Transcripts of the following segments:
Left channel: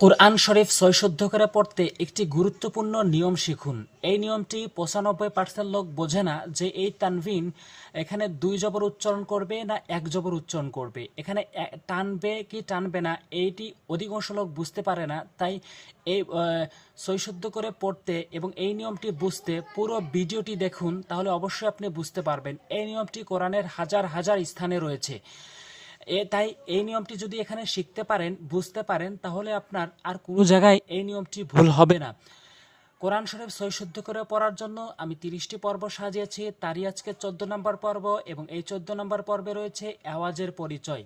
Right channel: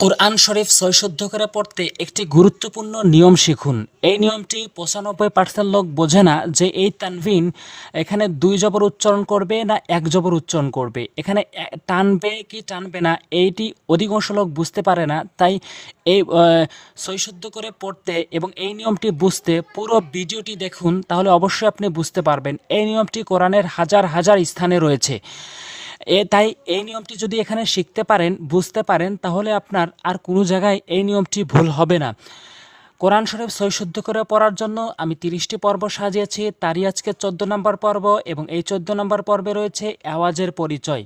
কোরআন শরীফ সৈশুদ্ধ করে পড়তে একটি গুরুত্বপূর্ণ নিয়ম শিখুন। এই নিয়মটি ৯৫% লোক বোঝে না যে এই তানভিন এখানে ২ জবর উচ্চারণ করবে না ১ জবর উচ্চারণ করবে, এখানে টানবে কি টানবে না এইটি অধিকাংশ লোক বুঝতে পারে না। তাই এই সৈশুদ্ধ করে পড়তে এবং এই নিয়মটি বুঝতে পুরো ভিডিওটি দেখুন, তাহলে অবশ্যই আপনি বুঝতে পারবেন। এই নিয়মটি কোরআনের হাজার হাজার স্থানে রয়েছে। তাই এই নিয়মটি যদি এখানে শিখতে পারেন, বুঝতে পারেন, তাহলে আপনার আর কোনো জায়গায় এই নিয়মটি ভুল হবে না। কোরআন শরীফ সৈশুদ্ধ করে পড়ার জন্য আমি ৩০টি পর্ব সাজিয়েছি, তারই আজকে ১৪ নম্বর পর্ব এবং এই ১৪ নম্বর পর্বে রয়েছে আওয়াজের পরিচয়।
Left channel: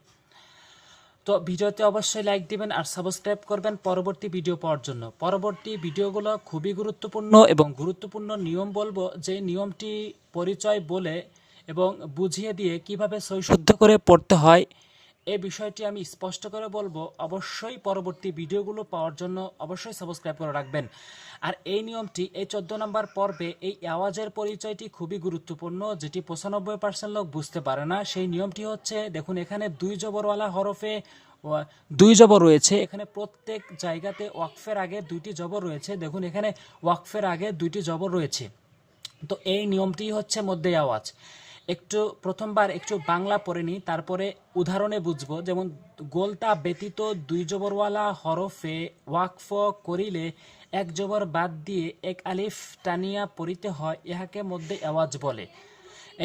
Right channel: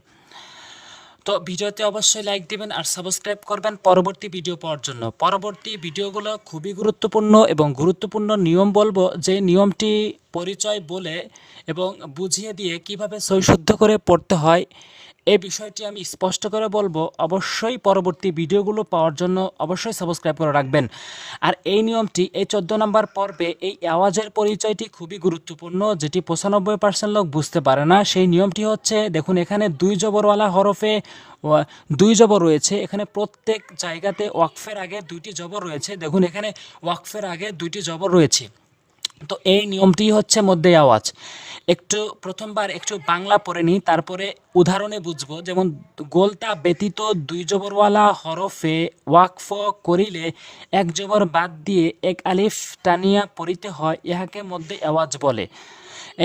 তো ভিডিওতে অবশ্যই লাইক দিবেন আর সাবস্ক্রাইব করবেন পরবর্তী ভিডিও পাওয়ার জন্য। পরবর্তী ভিডিওগুলো খুবই গুরুত্বপূর্ণ এবং গুরুত্বপূর্ণ নিয়ম বলবো, যে নিয়মটি পরিচয় বলে এবং বুঝিয়ে দিয়ে কিভাবে সৈশুদ্ধ করে পড়তে হয় এই বিষয়টি আমি স্পষ্ট করে বলবো। অবশ্যই পরবর্তী ভিডিওগুলো পাওয়ার জন্য অবশ্যই সাবস্ক্রাইব করে রাখবেন। আর এই নিয়মটি এই ১৪ নম্বর পর্বে এই আওয়াজের পরিচয়টি খুবই গুরুত্বপূর্ণ, যেটি ৯৫% লোক বুঝতে পারে না। সেই নিয়মটি হচ্ছে, দেখুন এখানে ২ জবরওয়ালা হরফে ২ জবর রয়েছে। এখানে প্রত্যেক জায়গাতে ওয়াকফের আগে ২টি জবর রয়েছে। দেখুন এখানে ওয়াকফের আগে ২টি জবর রয়েছে। তো এই নিয়মটি হচ্ছে মধ্যে আওয়াজ। একটু প্রথমবার একটু বাংলা পড়ে নিই, তারপরে উদাহরণে বুঝবো। যেমন গোলতা ব্যতীত ২ জবরওয়ালা হরফে ওয়াকফ করিলে ১ জবর বাদ দিয়ে ১ আলিফ টানিয়া পড়িতে হয়, ইহাকে মধ্যে আওয়াজ বলে।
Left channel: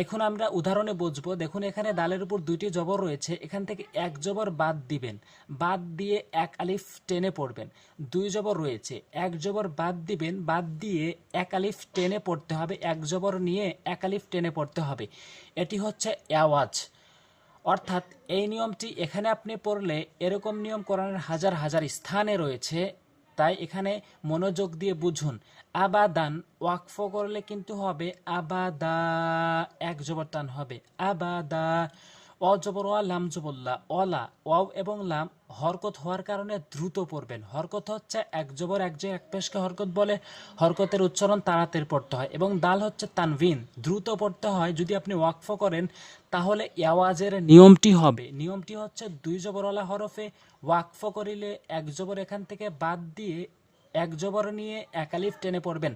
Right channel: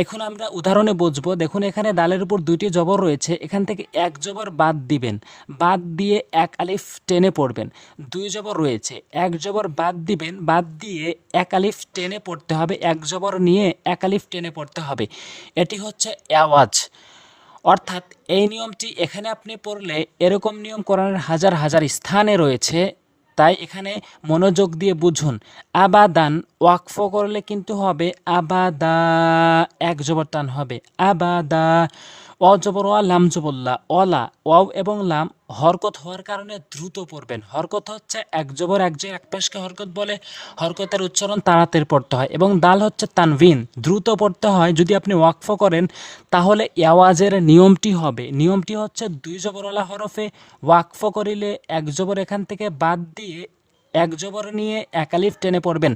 এখন আমরা উদাহরণে বুঝবো। দেখুন এখানে দালের উপর ২টি জবর রয়েছে, এখান থেকে ১ জবর বাদ দিবেন, বাদ দিয়ে ১ আলিফ টেনে পড়বেন। ২ জবর রয়েছে, ১ জবর বাদ দিবেন, বাদ দিয়ে ১ আলিফ টেনে পড়তে হবে, ১ জবর নিয়ে ১ আলিফ টেনে পড়তে হবে। এটি হচ্ছে আওয়াজ। অর্থাৎ এই নিয়মটি এখানে আপনি পড়লে এরকম নিয়ম কোরআনের হাজার হাজার স্থানে রয়েছে। তাই এখানে মনোযোগ দিয়ে বুঝুন। আবাদান ওয়াকফ করলে কিন্তু হবে আবাদা, ১ জবর টান হবে আবাদা। অ জবর ওয়া, লাম জবল্লা, অলা, ওয়াও এবং লাম হরকত হওয়ার কারণে দ্রুত পড়বেন। হরকত হচ্ছে ১ জবর ১ যে ১ পেশকে হরকত বলে, হরকতের উচ্চারণ তাড়াতাড়ি পড়তে হয়। এবং দাল হচ্ছে তানভিন, দ্রুত পড়তে হয়। যদি আপনি ওয়াকফ করেন তাহলে আওয়াজের নিয়মটি হবে, নিয়মটি হচ্ছে ২ জবরওয়ালা হরফে ওয়াকফ করিলে ১ জবর এখান থেকে বাদ দিয়ে ১ জবর নিয়ে ১ আলিফ টেনে পড়বেন।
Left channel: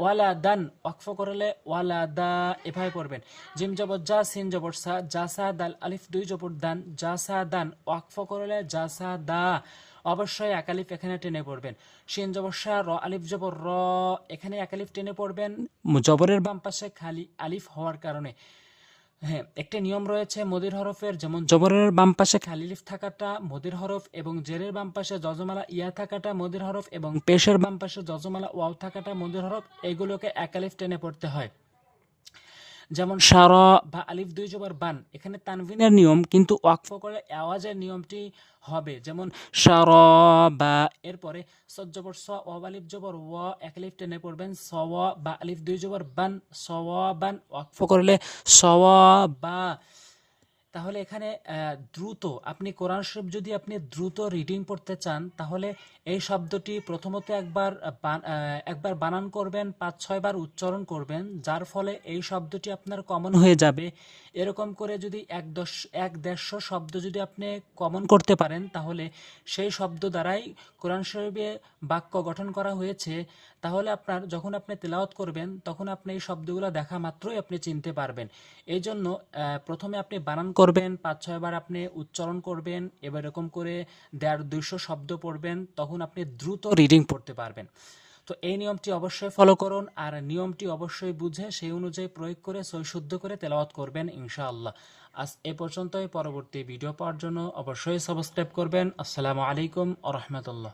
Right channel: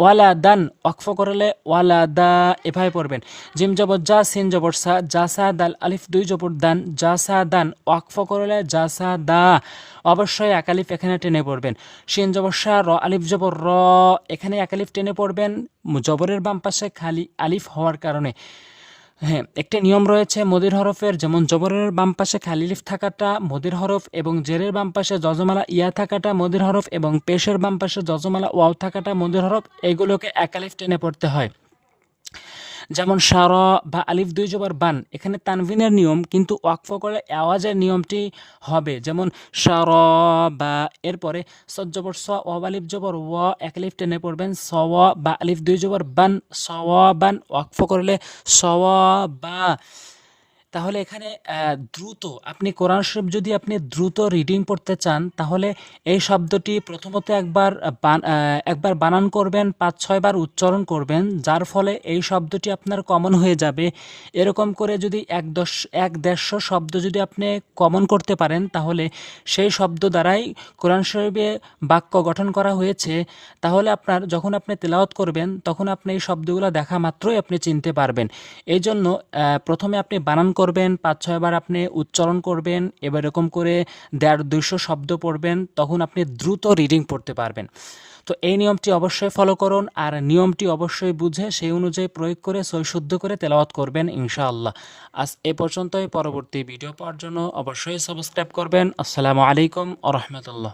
ওয়ালা দান ওয়াকফ করলে ওয়ালা দা, এভাবে পড়বেন। জিম জবর যা, সিন জবর সা, যা সা দাল, আলিফ ২ জবর দান, যা সা দান ওয়াকফ করলে যা সা দা, অবশ্যই ১ আলিফ এখানে টেনে পড়বেন। শিন জবর সা, র আলিফ জবর র, এখানে ১ আলিফ টেনে পড়বেন জবরের বাম পাশে খালি আলিফ হওয়ার কারণে। হ্যাঁ, একটি নিয়ম রয়েছে মদির হরফের, যেমন জবরের বাম পাশে খালি লিফ থাকাটা মদির হরফ এবং জেরের বাম পাশে যজমালা ইয়া থাকাটা মদির হরফ এবং পেশের বাম পাশে যজমালা ওয়াও থাকাটা মদির হরফ। এগুলোকে ১ আলিফ টেনে পড়তে হয়। যেমন সার বা আলিফ ২ জবর বান, এখানে তানভিনের নিয়ম, কিন্তু ওয়াকফ করে আওয়াজের নিয়মটি হবে। যেমন সার বা, এরপরে সদ জবর স, ও আলিফ জবর ও, ১ আলিফ টেনে পড়বেন স বা, আলিফ ২ জবর বান, স বান ওয়াকফ করলে স বা। তাহলে এখানে দ্রুত আপনি কোরআন শরীফ যদি আপনি দ্রুত রিডিং পড়তে চান, তাহলে এই শব্দটি প্রথমত একবার বানান করবেন, ৫-৬ বার উচ্চারণ করবেন, যার ফলে এই শব্দটি আপনার কমন হয়ে যাবে। এরকম করে যদি ১-১৫০ শব্দ যদি আপনি কমন করতে পারেন, তাহলে সেই শব্দ দ্বারাই কোরআন শরীফে বাক্য গঠন করা হয়েছে। তাহলে আপনার যখন আপনি তেলাওয়াত করবেন, তখন আপনি এই শব্দগুলো দেখা মাত্রই আপনি চিনতে পারবেন। এই জন্য প্রথমে আপনি বানান করবেন, ৫-৬ বার আপনি উচ্চারণ করবেন, এবার এরকম করে ১৫০-২০০ শব্দ পড়বেন, তখন আপনি দ্রুত রিডিং পড়তে পারবেন। তো এই নিয়মটি অবশ্যই ফলো করুন আর নিয়মটি অবশ্যই বুঝে সেই অনুযায়ী প্রয়োগ করে সৈশুদ্ধ করে তেলাওয়াত করবেন ইনশাআল্লাহ। আজ এ পর্যন্তই। পরবর্তী ভিডিও পাওয়ার জন্য অবশ্যই সাবস্ক্রাইব করবেন। আসসালামু আলাইকুম ওয়া রাহমাতুল্লাহ।